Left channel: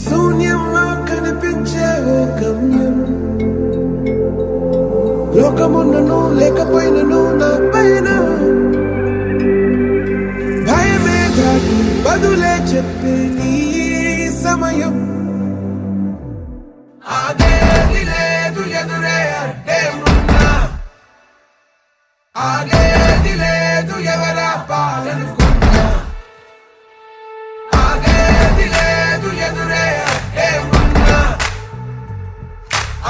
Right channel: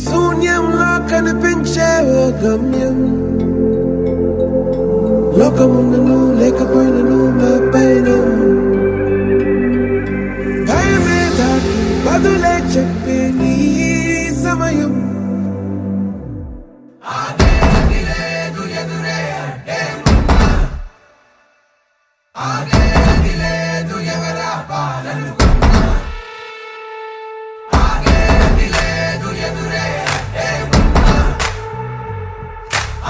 శూన్యంలో కనిపించే ఓ గమ్యం. లోకమున్నను లేకపోయినను నా పైన భయమే దాన్ని బదులే చెప్పే నీ సమయం. ఆగేది లేదు ఎదురే అంటే ఉన్నా, ఆగేది లేదు ఎవరా పాలనుకున్నా, ఆగేది లేదు ఎదురే అంటే ఉన్నా,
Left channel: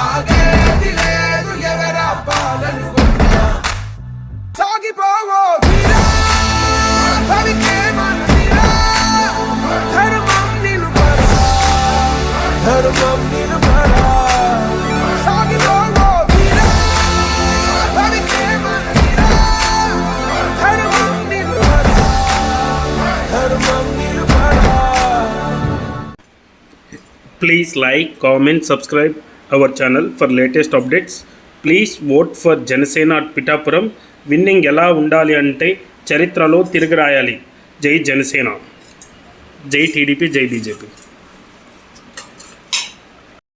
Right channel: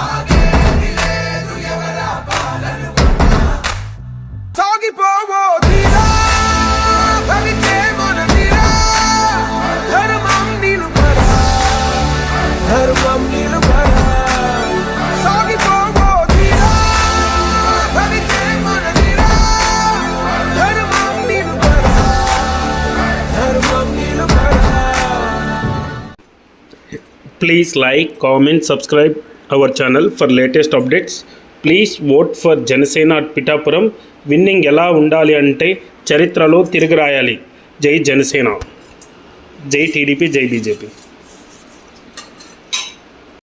ఆగేది లేదు ఎవరా పాలనుకున్నా. సాగిపోవో తీరా భరికే మన తీరా, ధర్మం నిలుపరా, ధర్మం నిలుపరా. సాగిపోవో తీరా భరికే మన తీరా, ధర్మం నిలుపరా, ధర్మం నిలుపరా. Please like, comment, subscribe our channel for latest updates. Please vote for Janasena at Pittapuram. Winnowing ఎలా ఉండాలి అంటే చరిత్రలో తిరిగి రాయాలి. జై జనసేన, జై టీడీపీ, జై బీజేపీ.